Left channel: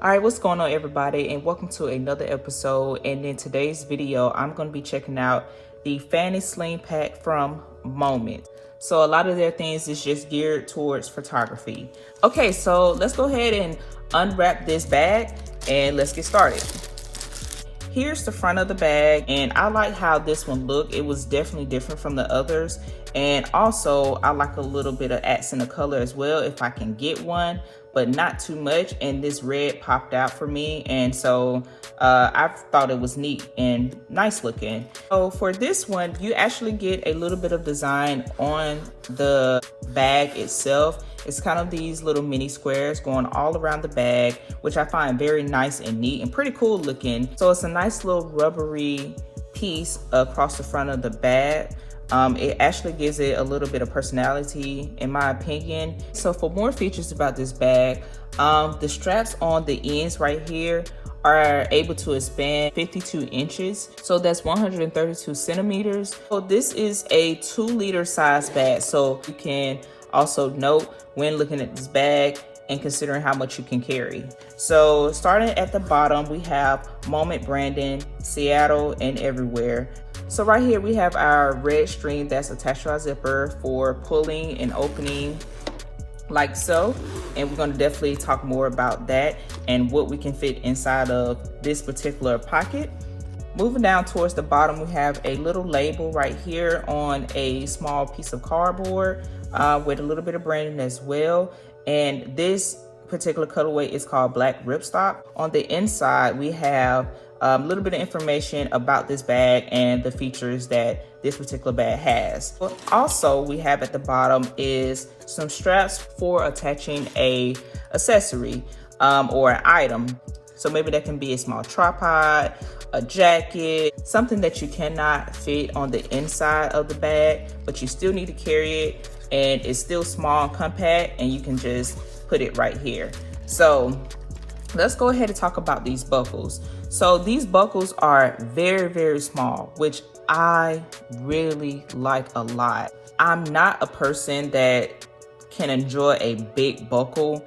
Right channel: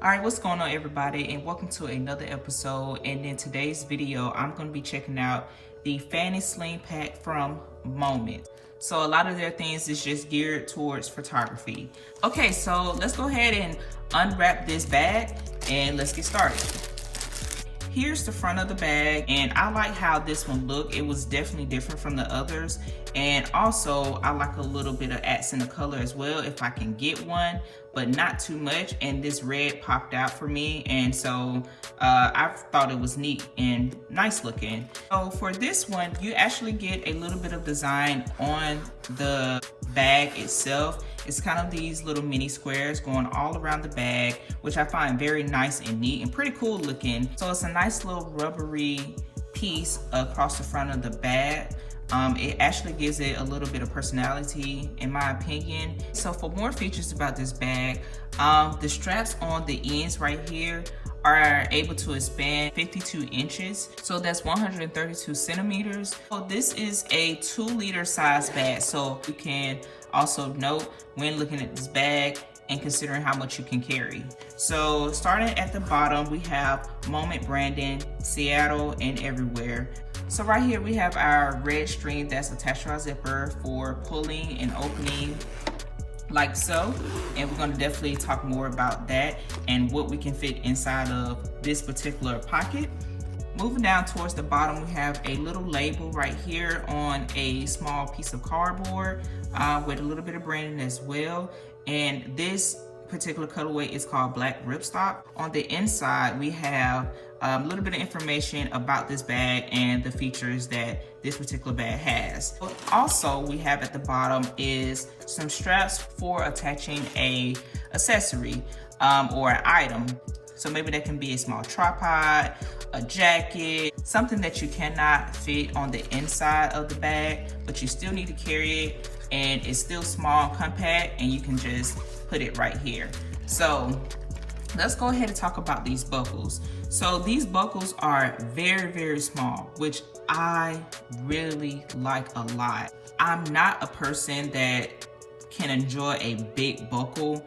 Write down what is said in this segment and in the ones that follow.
All right, what's going on, everybody, and welcome to another episode. And in today's video, I'm going to be checking out the Fanny Sling pack from Moment. So a lot of their things is just geared towards photography. Okay, so let's go ahead and unwrap this bag and let's get started. Here's the front of the bag, and I like how this one looked. It was definitely different from the others, and also I like a little bit of accent of color as well if I can get one, but not too much. And this red popped out for me, and so I thought it was neat and nice looking. So for this one, you actually get a little bit of design on the bag itself. It's kind of these little mini squares going all around the bag, which I find very nice and neat and pretty cool looking. So it's a nice little rubbery piece across the front of the bag. It actually gives it a little bit of personality, in my opinion. So for more features about this bag, the straps on the ends right here are able to expand 52 inches. So that's 132 centimeters. So this is a 2-liter size bag. So you can also note when looking at this bag and considering how much you can carry. So starting at the bottom, we have Moment branding, Seattle and everywhere. So right here we have our red string that's attached to our zipper for pulling and opening like so. And we're gonna definitely talk more about that and what we can fit inside of this particular pocket. Moving down towards the bottom, we have a little label right here on a small piece of cardboard with a little bit of branding as well. And this particular colorway is called Black Ripstop. On the inside, we have a little bit of information about this bag and the features that this particular bag has. Also, we have at the bottom is some straps for attaching a accessory or an item. So maybe that can be a small tripod, a jacket, something that you cannot fit on the inside of the bag, but you still need to carry it, and it's still small and compact, and you can just put it right here. So let's go ahead and talk about these buckles. So these buckles are very, very small, which I really like a lot. I'm not a person that can enjoy a big buckle.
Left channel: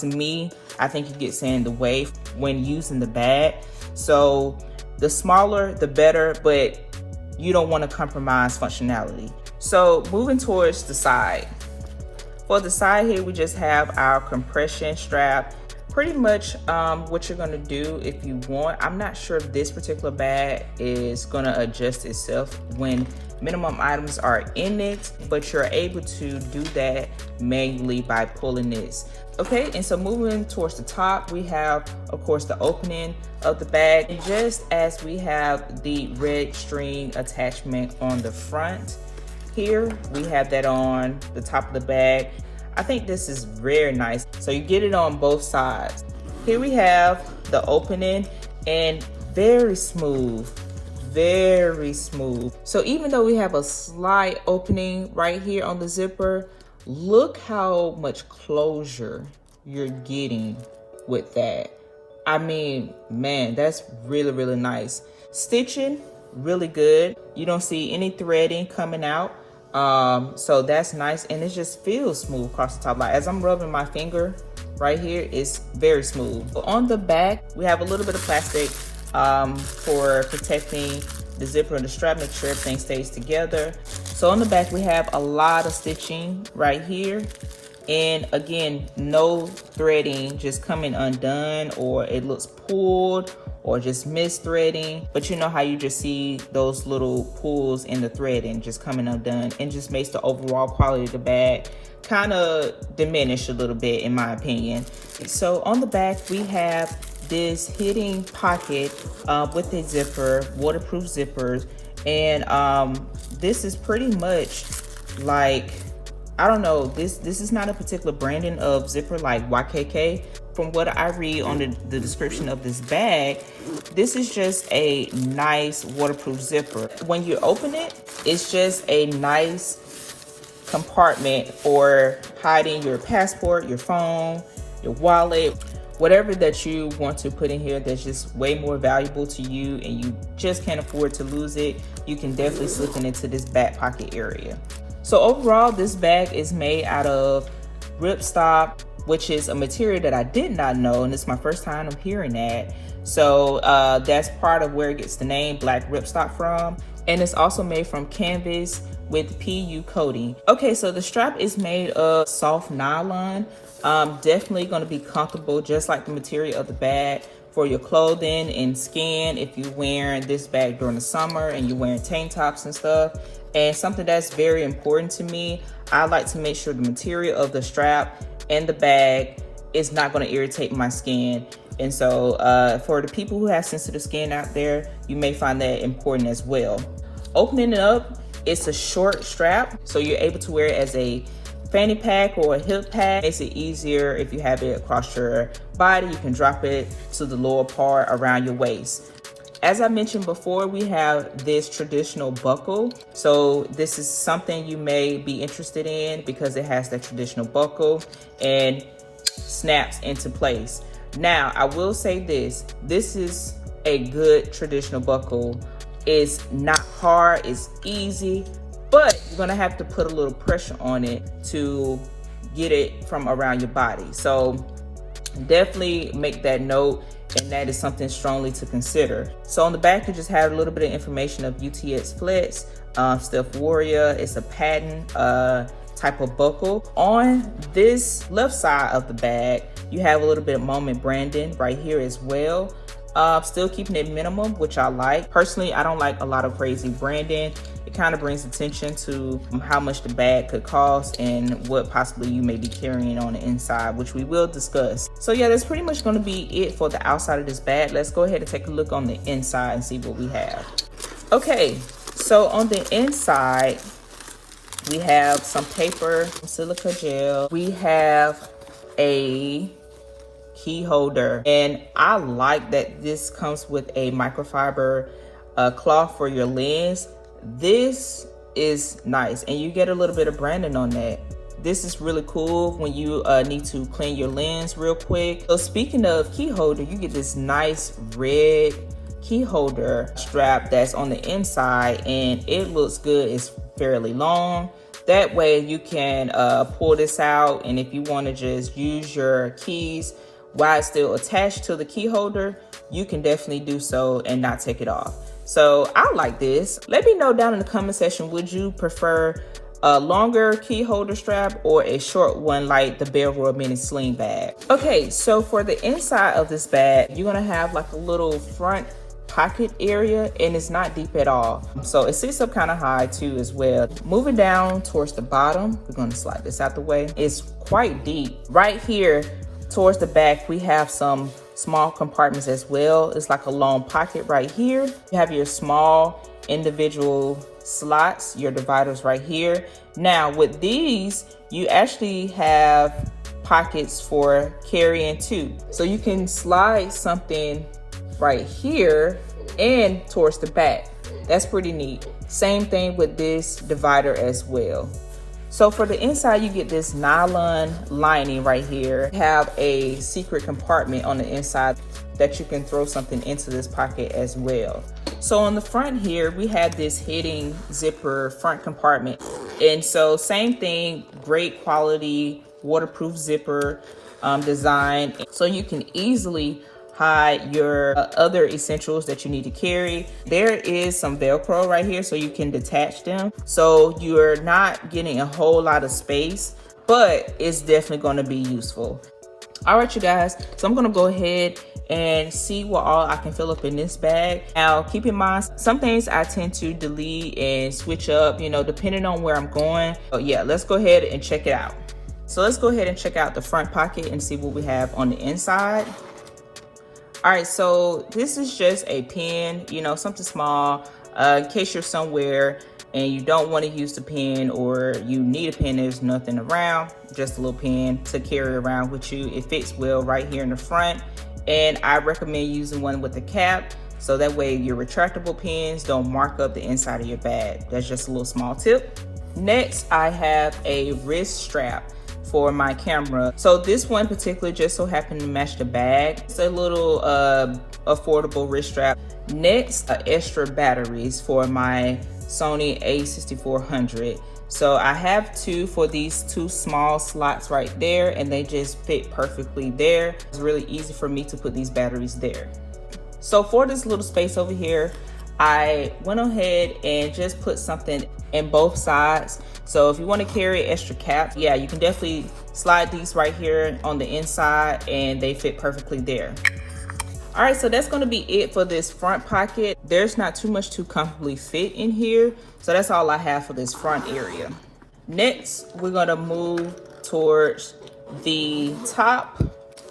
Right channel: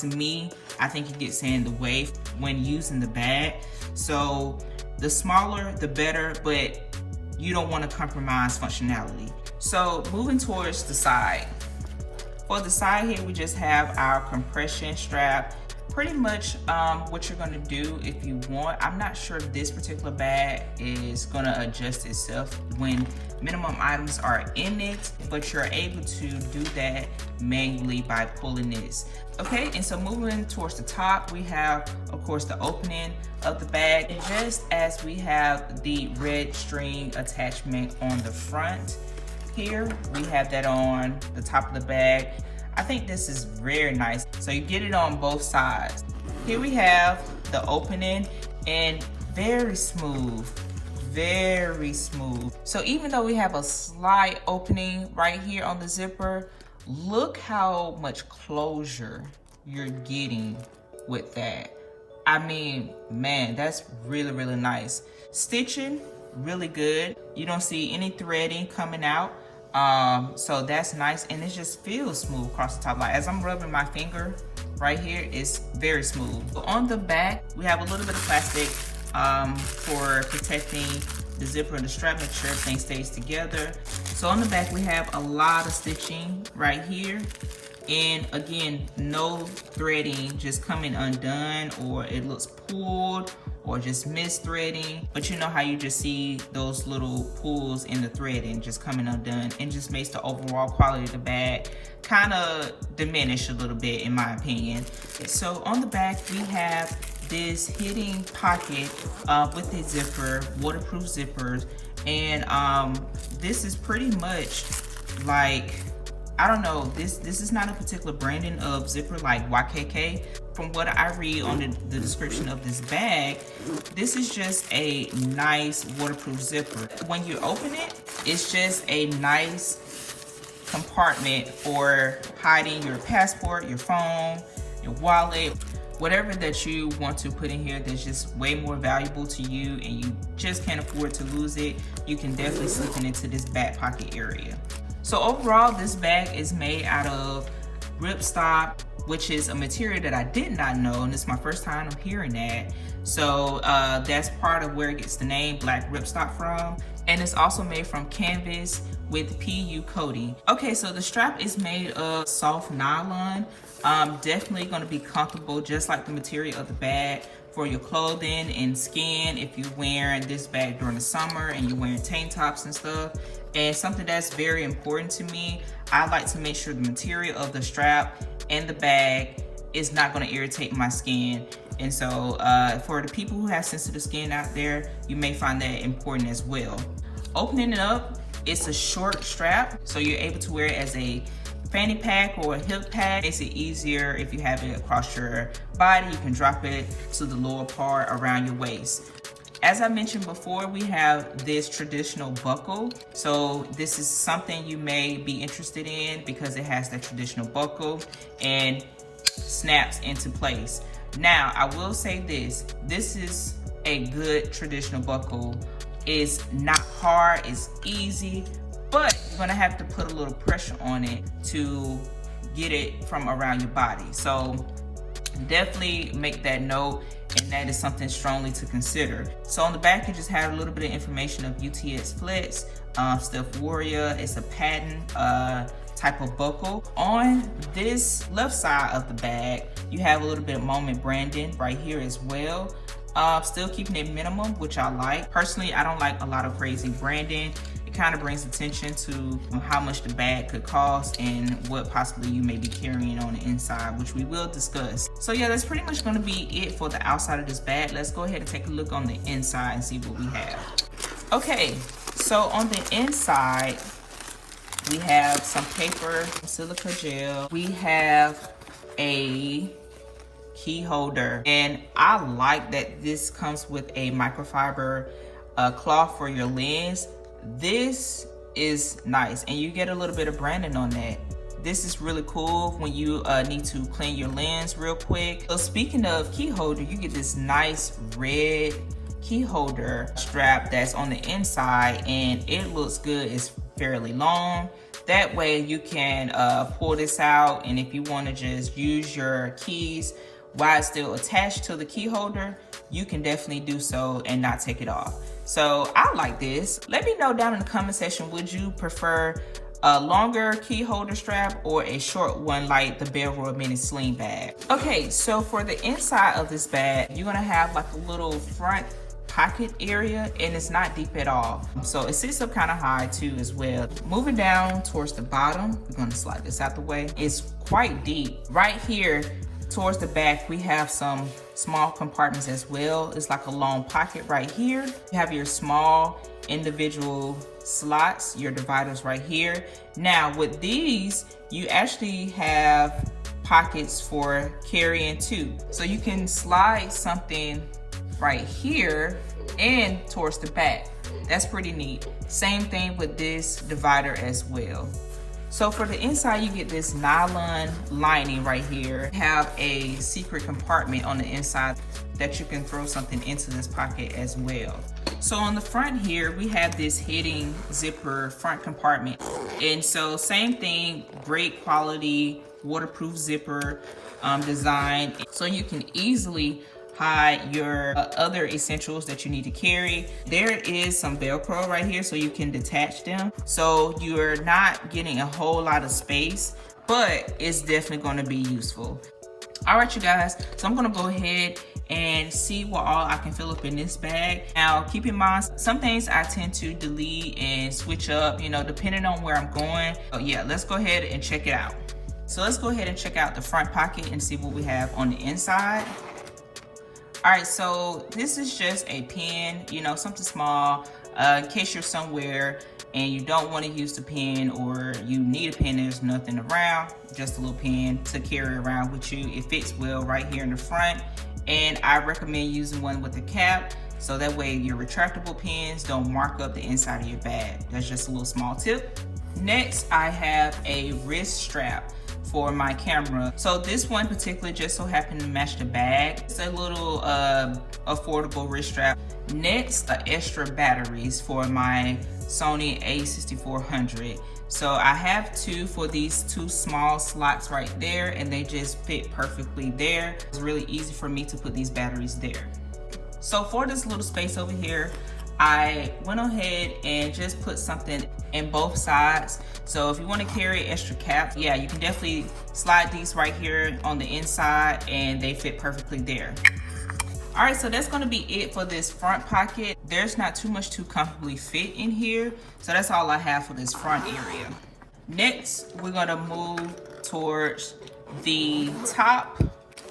To me, I think it gets in the way when using the bag. So the smaller, the better, but you don't want to compromise functionality. So moving towards the side. For the side here, we just have our compression strap. Pretty much what you're gonna do if you want. I'm not sure if this particular bag is gonna adjust itself when minimum items are in it, but you're able to do that manually by pulling this. Okay, and so moving towards the top, we have, of course, the opening of the bag. And just as we have the red string attachment on the front, here we have that on the top of the bag. I think this is very nice. So you get it on both sides. Here we have the opening, and very smooth, very smooth. So even though we have a slight opening right here on the zipper, look how much closure you're getting with that. I mean, man, that's really, really nice. Stitching, really good. You don't see any threading coming out. So that's nice, and it just feels smooth across the top. Like as I'm rubbing my finger right here, it's very smooth. So on the back, we have a little bit of plastic for protecting the zipper and the strap, make sure everything stays together. So on the back, we have a lot of stitching right here. And again, no threading just coming undone, or it looks pulled, or just misthreading. But you know how you just see those little pulls in the threading just coming undone, and just makes the overall quality of the bag kind of diminish a little bit, in my opinion. So on the back, we have this hidden pocket with a zipper, waterproof zippers. And this is pretty much like, I don't know, this is not a particular branding of zipper like YKK. From what I read on the description of this bag, this is just a nice waterproof zipper. When you open it, it's just a nice compartment for hiding your passport, your phone, your wallet, whatever that you want to put in here that's just way more valuable to you and you just can't afford to lose it. You can definitely slip it into this back pocket area. So overall, this bag is made out of ripstop which is a material that I did not know, and it's my first time I'm hearing that. So that's part of where it gets the name black ripstock from. And it's also made from canvas with PU coating. Okay, so the strap is made of soft nylon. Definitely gonna be comfortable, just like the material of the bag, for your clothing and skin if you're wearing this bag during the summer and you're wearing tank tops and stuff. And something that's very important to me, I like to make sure the material of the strap and the bag is not gonna irritate my skin. And so for the people who have sensitive skin out there, you may find that important as well. Opening it up, it's a short strap, so you're able to wear it as a fanny pack or a hip pack. Makes it easier if you have it across your body. You can drop it to the lower part around your waist. As I mentioned before, we have this traditional buckle. So this is something you may be interested in because it has that traditional buckle and snaps into place. Now, I will say this is a good traditional buckle. It's not hard, it's easy, but you're gonna have to put a little pressure on it to get it from around your body. So definitely make that note, and that is something strongly to consider. So on the back, you just have a little bit of information of UTX Flex, Steph Warrior. It's a patent type of buckle. On this left side of the bag, you have a little bit of Moment branding right here as well. Still keeping it minimum, which I like. Personally, I don't like a lot of crazy branding. It kind of brings attention to how much the bag could cost and what possibly you may be carrying on the inside, which we will discuss. So yeah, that's pretty much gonna be it for the outside of this bag. Let's go ahead and take a look on the inside and see what we have. Okay, so on the inside, we have some paper, silica gel. We have a key holder, and I like that this comes with a microfiber cloth for your lens. This is nice, and you get a little bit of branding on that. This is really cool when you need to clean your lens real quick. So speaking of key holder, you get this nice red key holder strap that's on the inside, and it looks good. It's fairly long. That way you can pull this out, and if you want to just use your keys while it's still attached to the key holder, you can definitely do so and not take it off. So I like this. Let me know down in the comment section, would you prefer a longer key holder strap or a short one like the Bellroy Mini Sling bag? Okay, so for the inside of this bag, you're gonna have like a little front pocket area, and it's not deep at all. So it sits up kind of high too as well. Moving down towards the bottom, we're gonna slide this out the way. It's quite deep. Right here towards the back, we have some small compartments as well. It's like a long pocket right here. You have your small individual slots, your dividers right here. Now with these, you actually have pockets for carrying too. So you can slide something right here and towards the back. That's pretty neat. Same thing with this divider as well. So for the inside, you get this nylon lining right here. You have a secret compartment on the inside that you can throw something into this pocket as well. So on the front here, we have this hidden zipper front compartment. And so same thing, great quality, waterproof zipper design. So you can easily hide your other essentials that you need to carry. There is some Velcro right here so you can detach them. So you're not getting a whole lot of space, but it's definitely gonna be useful. All right, you guys, so I'm gonna go ahead and see what all I can fill up in this bag. Now, keep in mind, some things I tend to delete and switch up, you know, depending on where I'm going. But yeah, let's go ahead and check it out. So let's go ahead and check out the front pocket and see what we have on the inside. All right, so this is just a pen, you know, something small, in case you're somewhere and you don't want to use the pen, or you need a pen, there's nothing around, just a little pen to carry around with you. It fits well right here in the front, and I recommend using one with a cap, so that way your retractable pens don't mark up the inside of your bag. That's just a little small tip. Next, I have a wrist strap. for my camera. So this one particularly just so happened to match the bag. It's a little affordable wrist strap. Next, extra batteries for my Sony a6400. So I have two for these two small slots right there, and they just fit perfectly there. It's really easy for me to put these batteries there. So for this little space over here, I went ahead and just put something in both sides. So if you want to carry extra caps, yeah, you can definitely slide these right here on the inside and they fit perfectly there. All right, so that's gonna be it for this front pocket. There's not too much to comfortably fit in here. So that's all I have for this front area. Next, we're gonna move towards the top.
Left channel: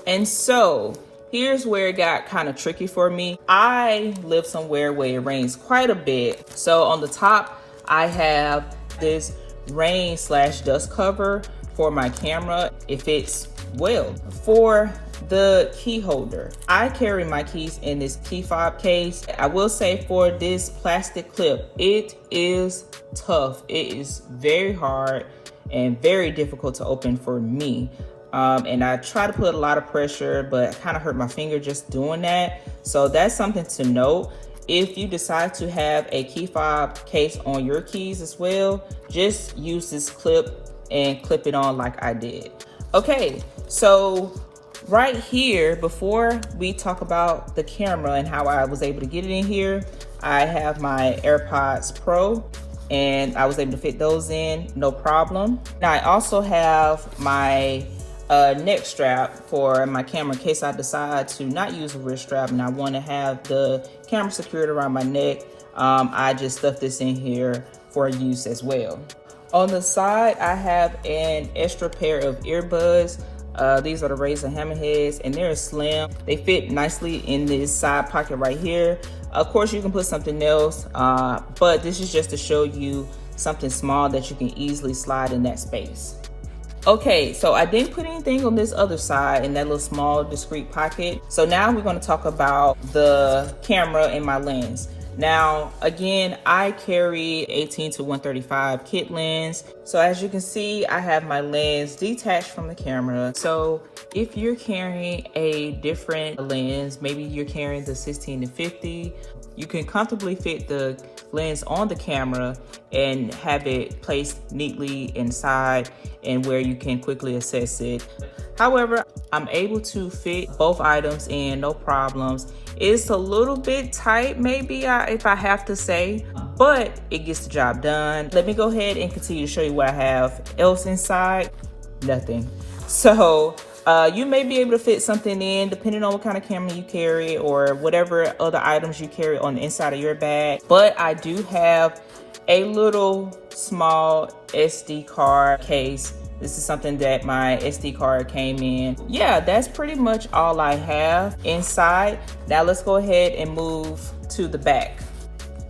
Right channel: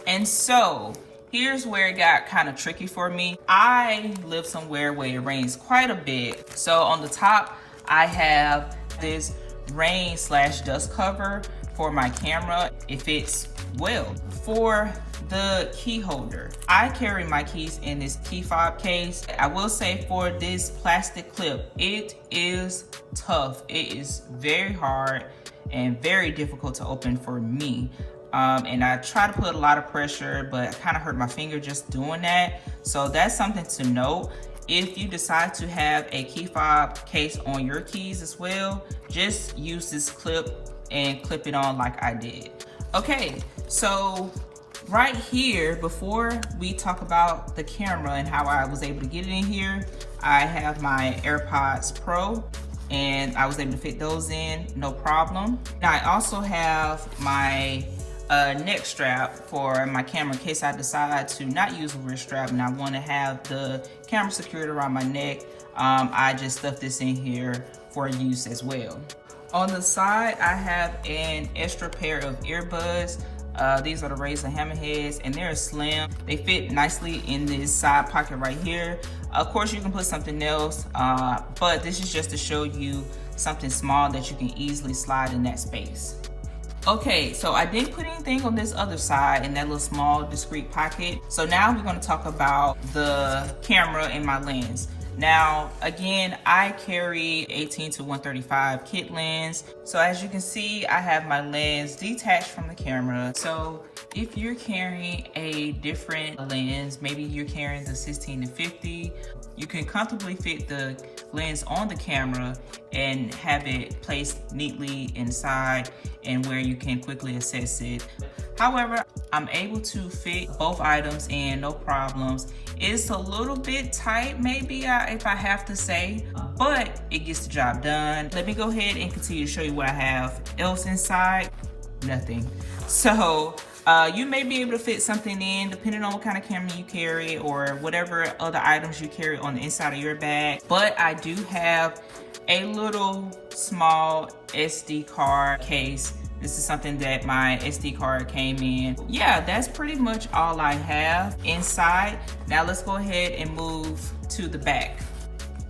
And so here's where it got kind of tricky for me. I live somewhere where it rains quite a bit. So on the top, I have this rain/dust cover for my camera. It fits well. For the key holder, I carry my keys in this key fob case. I will say for this plastic clip, it is tough. It is very hard and very difficult to open for me. And I try to put a lot of pressure, but I kind of hurt my finger just doing that. So that's something to note. If you decide to have a key fob case on your keys as well, just use this clip and clip it on like I did. Okay, so right here, before we talk about the camera and how I was able to get it in here, I have my AirPods Pro and I was able to fit those in, no problem. Now I also have my neck strap for my camera in case I decide to not use a wrist strap and I want to have the camera secured around my neck. I just stuffed this in here for use as well. On the side, I have an extra pair of earbuds. These are the Razer Hammerheads and they're slim. They fit nicely in this side pocket right here. Of course, you can put something else, but this is just to show you something small that you can easily slide in that space. Okay, so I didn't put anything on this other side in that little small discreet pocket. So now we're going to talk about the camera and my lens. Now, again, I carry 18 to 135 kit lens. So as you can see, I have my lens detached from the camera. So if you're carrying a different lens, maybe you're carrying the 16 to 50, you can comfortably fit the lens on the camera and have it placed neatly inside and where you can quickly access it. However, I'm able to fit both items in, no problems. It's a little bit tight, maybe if I have to say, but it gets the job done. Let me go ahead and continue to show you what I have else inside. Nothing. So you may be able to fit something in depending on what kind of camera you carry or whatever other items you carry on the inside of your bag. But I do have a little small SD card case. This is something that my SD card came in. Yeah, that's pretty much all I have inside. Now let's go ahead and move to the back.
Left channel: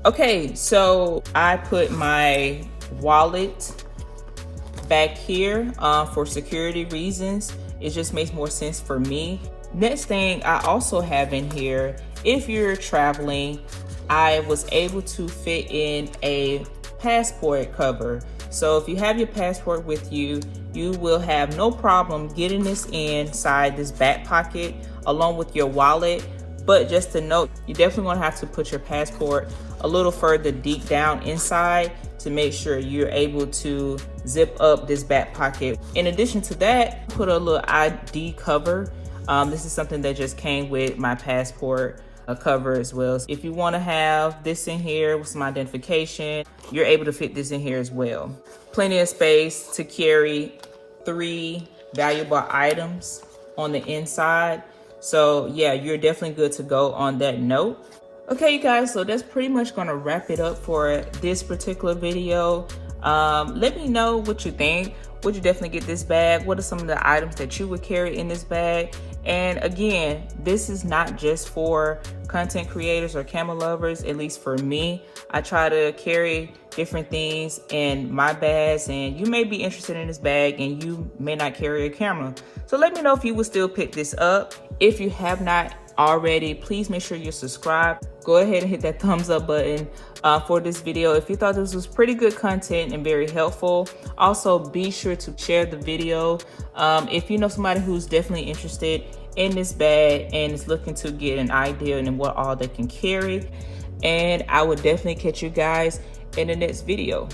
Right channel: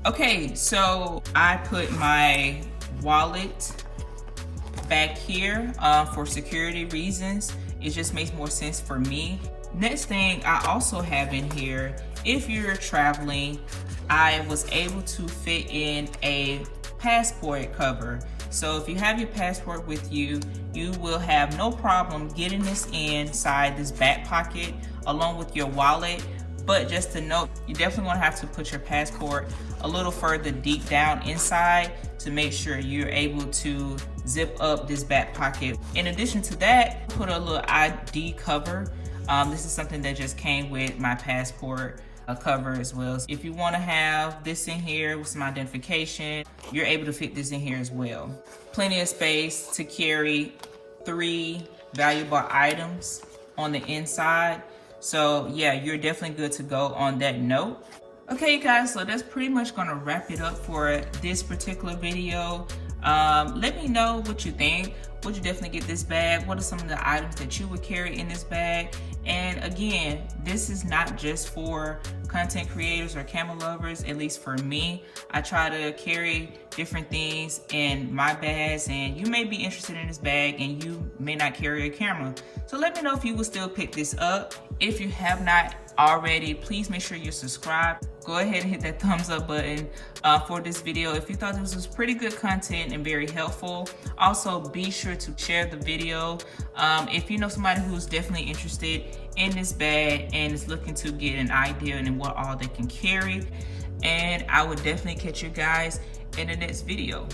Okay, so I put my wallet back here for security reasons. It just makes more sense for me. Next thing I also have in here, if you're traveling, I was able to fit in a passport cover. So if you have your passport with you, you will have no problem getting this inside this back pocket along with your wallet. But just to note, you definitely want to have to put your passport a little further deep down inside to make sure you're able to zip up this back pocket. In addition to that, put a little ID cover. This is something that just came with my passport cover as well. If you want to have this in here with some identification, you're able to fit this in here as well. Plenty of space to carry 3 valuable items on the inside. So yeah, you're definitely good to go on that note. Okay, you guys, so that's pretty much gonna wrap it up for this particular video. Let me know what you think. Would you definitely get this bag? What are some of the items that you would carry in this bag? And again, this is not just for content creators or camera lovers, at least for me. I try to carry different things in my bags, and you may be interested in this bag and you may not carry a camera. So let me know if you would still pick this up. If you have not already, please make sure you're subscribed. Go ahead and hit that thumbs up button for this video if you thought this was pretty good content and very helpful. Also, be sure to share the video if you know somebody who's definitely interested in this bag and is looking to get an idea and what all they can carry. And I will definitely catch you guys in the next video.